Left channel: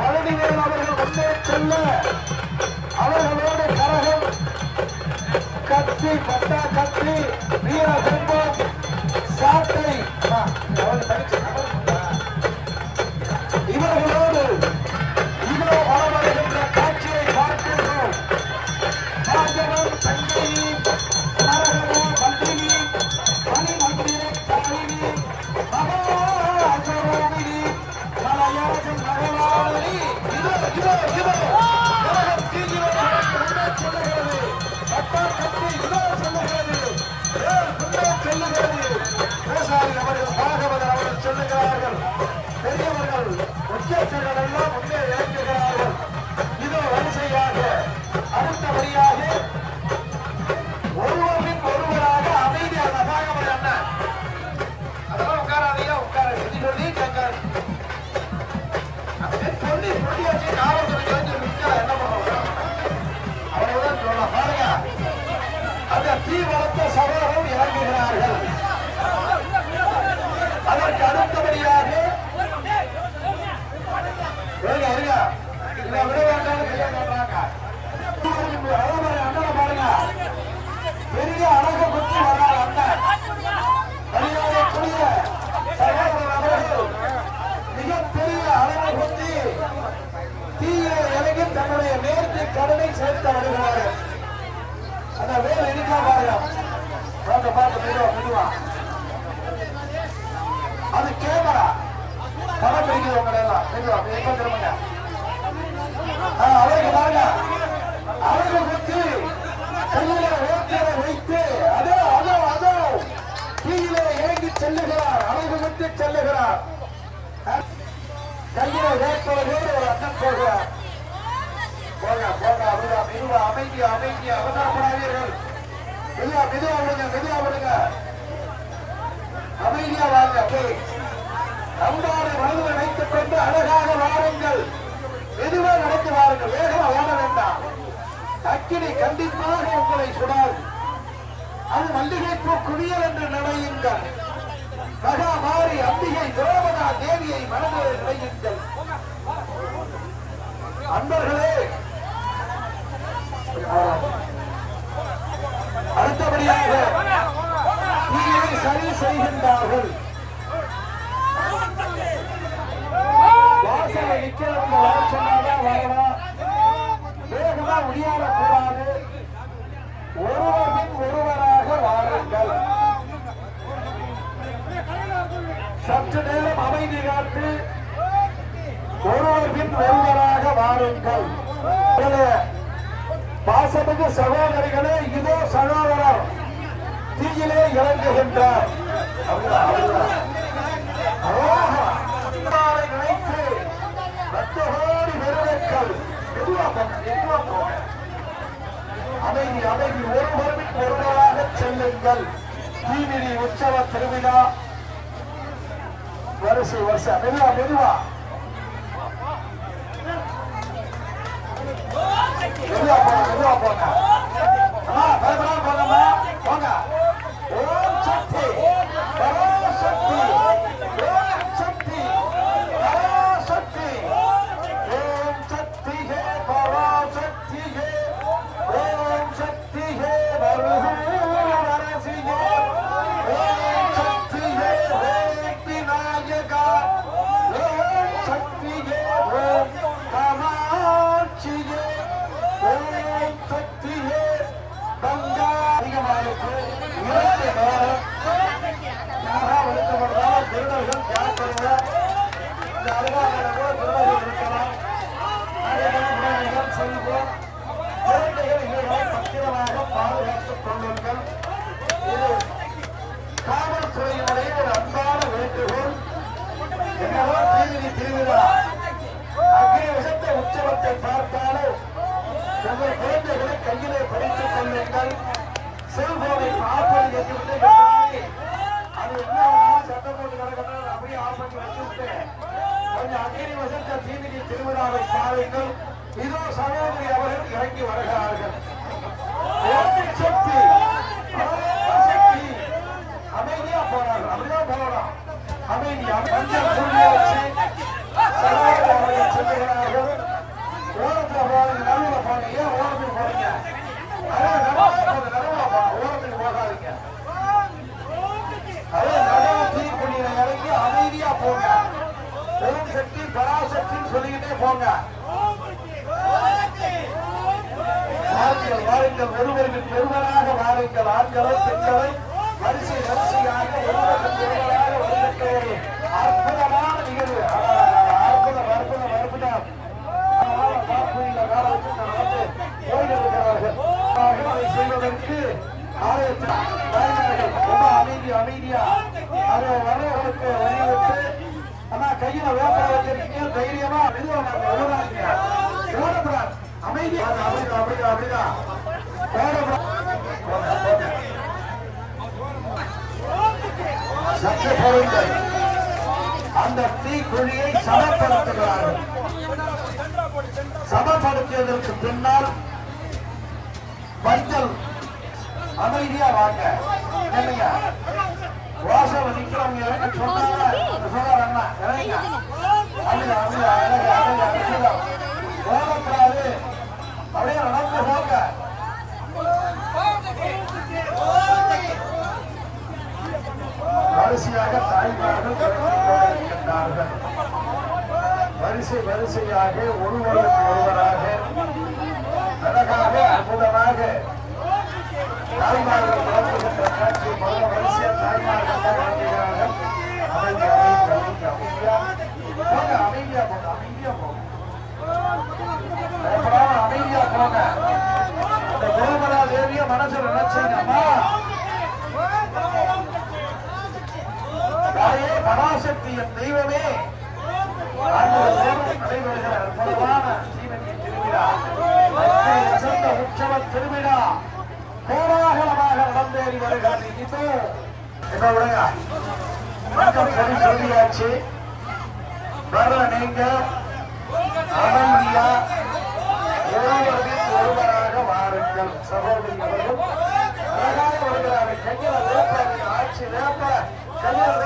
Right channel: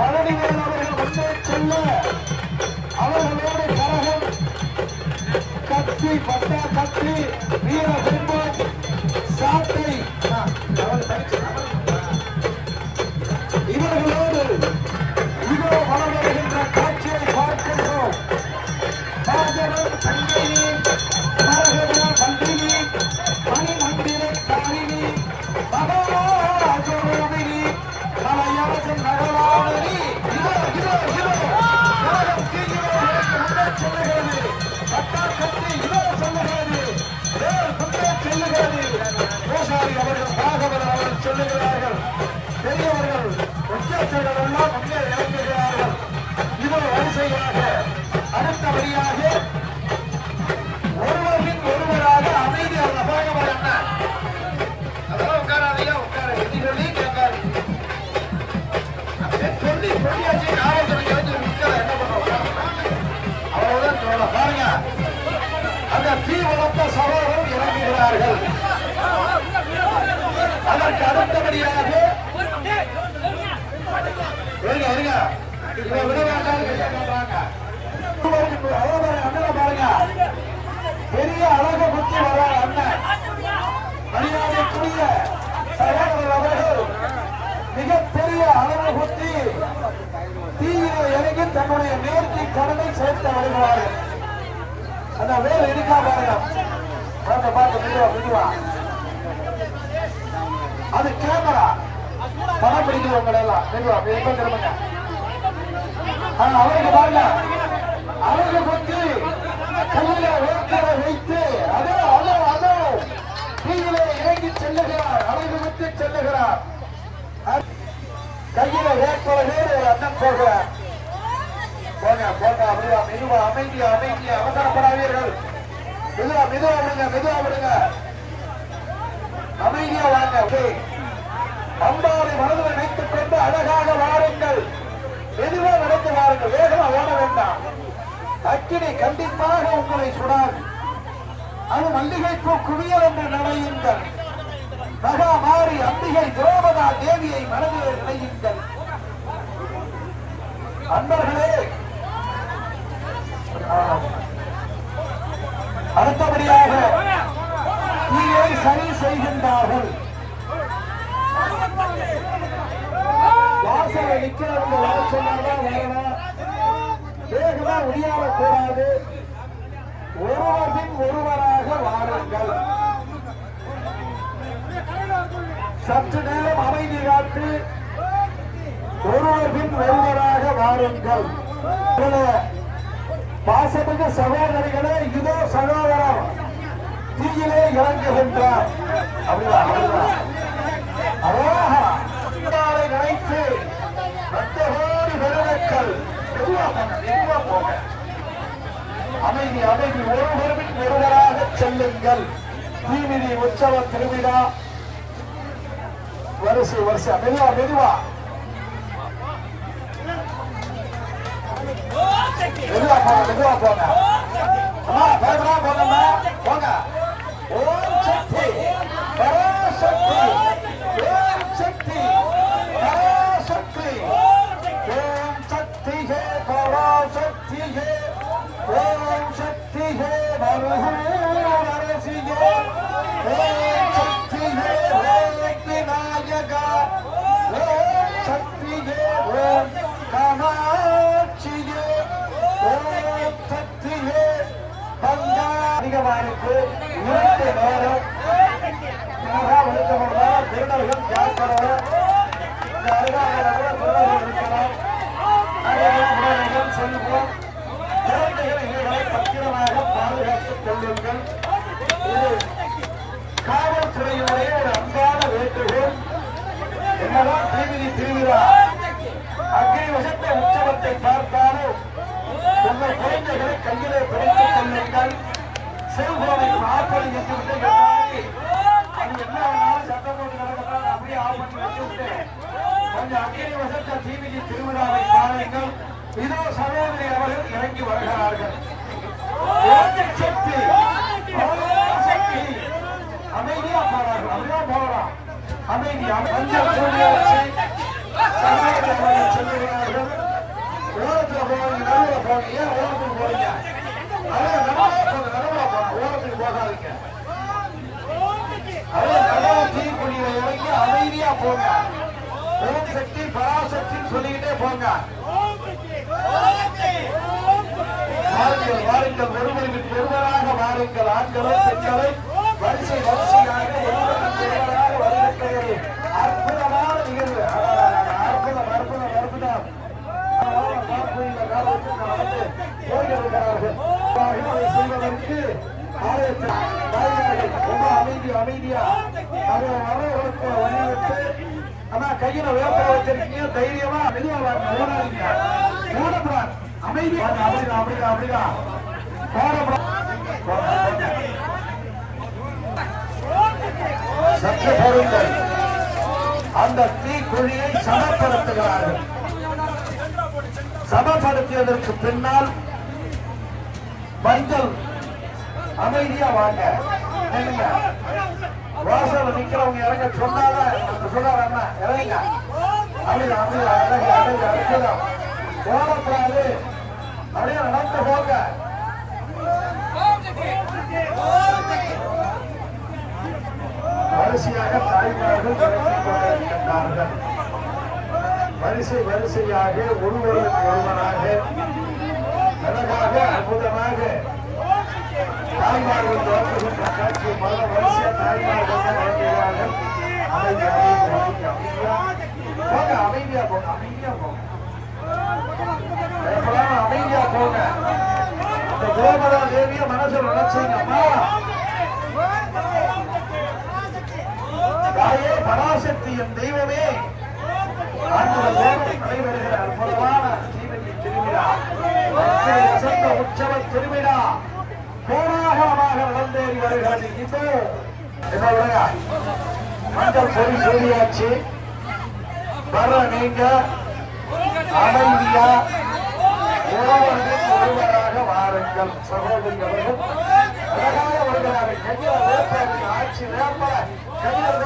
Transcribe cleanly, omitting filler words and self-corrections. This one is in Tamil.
பழனிவேல் அவர்கள் முன்னே செல்ல அவர்களோடு கரகம் கத்தி பட்டா கத்தி வீர செல்வம் சாட்டை இவர்களோடு இதோ வளம் வருகின்ற காட்சியை பார்க்கின்றோம். ராஜவன் சங்கினி நரகவே வந்தினி மணிமந்திரி காலினி மகராஜரோகினி கலையரசன் நகலாவணி இதோ சொல்லுகிறது பட்டா கத்தி இதோ சொல்லுகிறது செல்லுகிறது. பூசாரி அவர்கள் பாகவதர் அவர்கள் சொல்லுகிறார்கள். பெரியவர்கள் முக்கியஸ்தர்கள் எல்லாம் முன்னே இறங்குகிறார்கள். இதோ வரிசையாக அடுத்தபடியாக ஒருவரின் ஒருவராக அமைதியாக பாகவதர் என்ன அதெல்லாம் உட்காராதையா உட்கார எதி சொல்லி கேட்காரு சொல்லி சொல்லி வச்சு காவல்துறை யோசிச்சு முடிச்சா என்ன பண்ணுவோம் அவ்வளவுதான் சொல்ல பாருங்க. அந்த தீ வளர்த்த சகோதரர் இறங்குகிறார்கள். அதற்கு அடுத்தபடியாக பெரிய அழக பற்றி வர அண்ணன் மரியாதைக்குரிய சகோதரர் அவர்கள் மிகப்பெரிய அழக பற்றி தீயில இறங்கி தன்னுடைய நேர்த்தி கடனை சேர்த்து வருகிறார்கள். அந்த வேறு இருக்கா பாருங்க அது கேமரா பணம் பிடிக்கிறவங்க எல்லாம் திரும்புங்க. ஆனா அவருக்கு பாருங்க அழகு பற்றி கையில வேட்கையை வைத்து அதோ அதோ அதோ தீயிலே ஏங்கி செல்லுகிறார். அழகு பற்றி செல்லுகிறார். கையில வேட்கையோடு ஒரு அண்ணன் போகிறார். போங்க போங்க மெதுவா அமைதியா அமைதியா அவசரப்படாதீர்கள். மெதுவா மெதுவா விடுங்க மெதுவா விடுங்க அமைதியா வாங்க. அம்பாவை மனதில் வைத்துக் கொண்டு அழகாக வாருங்கள். மெதுவா நடந்து வாருங்கள். வேகமா ஓட வேண்டாம். அக்கினி கண்டிப்பாக உங்களை சுடாது. அது மல்லிகைப்பூ குவியல் என்று நினையுங்கள். மகாமாரி அம்பிகை திரௌபதா தேவியை மனதில் நினையுங்கள். அன்பர்களே அடுத்தபடியாக தீயை சரி செய்கின்றார்கள். வாசலை நிற்கிறவங்க வர சொன்னாதான் வரலாம். வேகமா முடியாடக்கூடாது. ஒருவரின் ஒருவராக வாருங்கள். சற்று நேரம் அமைதி காத்து ஒருவரின் ஒருவராக வாருங்கள். பாசமிகு சகோதரிகளே இதோ சகோதரர் தீயிலே இறங்குகின்றார். நினைத்து லட்சகோடி பெருமக்கள் அமைதி அமைதி ஒருவரின் ஒருவராக செல்லுங்கள். தீமிதி உற்சவ திருவிழா வரிசை வரிசை மெதுவா மெதுவா மெதுவா போங்க மெதுவா போங்க போங்க. ஓம் சக்தி பராசக்தி ஓம் சக்தி பராசக்தி ஓம் சக்தி ஹே பராசக்தி ஹே ஓம் சக்தி ஹே நரசி ஹே ஓம் சக்தி ஹே விநாயகா ஓம் சக்தி ஹே ஓம் காமாட்சி ஹே ஓம் சக்தி ஹே பங்கா அதிகமானுக்கு 2 நேரம் வெளிச்சப்படுறாங்க. திருடர்கள் பார்க்கிறத செல்வோம். பத்திரமாக பாதுகாத்துக் கொள்ளுங்கள். காவல்துறையினுடைய ஒரு அன்பான வேண்டுகோள். என்னதான் தீமிதி திருவிழா அங்கே வசித்த உற்சவத்தை பார்த்தாலும் உங்கள் குழந்தைகளை கையிலே பிடித்துக் கொள்ளுங்கள். செல்போனை ஆப்படி வச்சுவிட்டு அது என்ன சட்டம் போட்டு நடக்கிறார் அப்படியே ஆப்படி வச்சுவிட்டு கொஞ்சம் அக்கினி வசத்த தீமிதி திருவிழாவை பாருங்கள். இதோ சகோதரி அவர்கள் இறங்கி வருகிறார்கள். அமைதியா போறார்கள். அப்படியே போகலாம். அமைதியா செல்லுகிறார். ஓரத்துக்கு போகாதீங்க. இறங்கி அமைதியா போங்க. ஓம் சக்தி பராசக்தின்னு சொல்லிக்கிட்டே போங்க. வாருங்கள் ஒருவருக்கு ஒருவராக வாருங்கள். ஆண்களும் பெண்களும் வரிசை வரிசையாக ஒருவராக வருகின்ற ஒரு அற்புதமான நிகழ்வு. அற்புதம் அற்புதம் அற்புதம். அதை செய்வதற்கு அமைதியா அதை வரவர்களுக்கு வழிவிட்டு ஆனா கையில வேப்ப வச்சிருக்கீங்க. தைரியமா வெளியே ஓடாதீங்க. ஓடக்கூடாது. அமைதியா அப்படிதான் அப்படிதான் சற்று பொருள் அந்த தீக்குழியை சமப்படுத்துகிறார்கள். சமப்படுத்தியதற்கு பின்னால் மஞ்சள் அமைதியா வாங்க. வாசல் நிக்கிறவங்க இறங்க சொன்னாங்க. அண்ணா இறங்க. ஓடக்கூடாது. அப்படியே நடந்து போங்க. வரிசையாக தாய்மார்கள் இறங்கிக் கொண்டிருக்கின்றார்கள். வரிசை வரிசையாக ஒருவருக்கு ஒருவராக அழகாக அற்புதமாக தாய்மார்கள் இறங்குகின்ற காட்சி பல வரிசையா தாய்மார்கள் இறங்குகிறார்கள். அமைதியா போங்க. அமைதியா போங்க. அமைதியா போங்க. அந்த கோபரா தேவிய மனசில் நினைச்சாங்க. தாயே பராசக்தி என் தெய்வமே நடைபெறுகிற அற்புதமான ஜீவனின் திருவிழா உற்சவ திருவிழா கோலாகலமாக நடந்தேறி வருகிறது. இதோ மண்டல் பொறி சொல்லியாச்சு. வர நீங்க அமைதியா ஒருவராக வாருங்கள். சகோதரிகளும் அழகாக வருகிறார்கள். கையில் வேப்பாக்கி ஆட்சி வேப்ப கையில்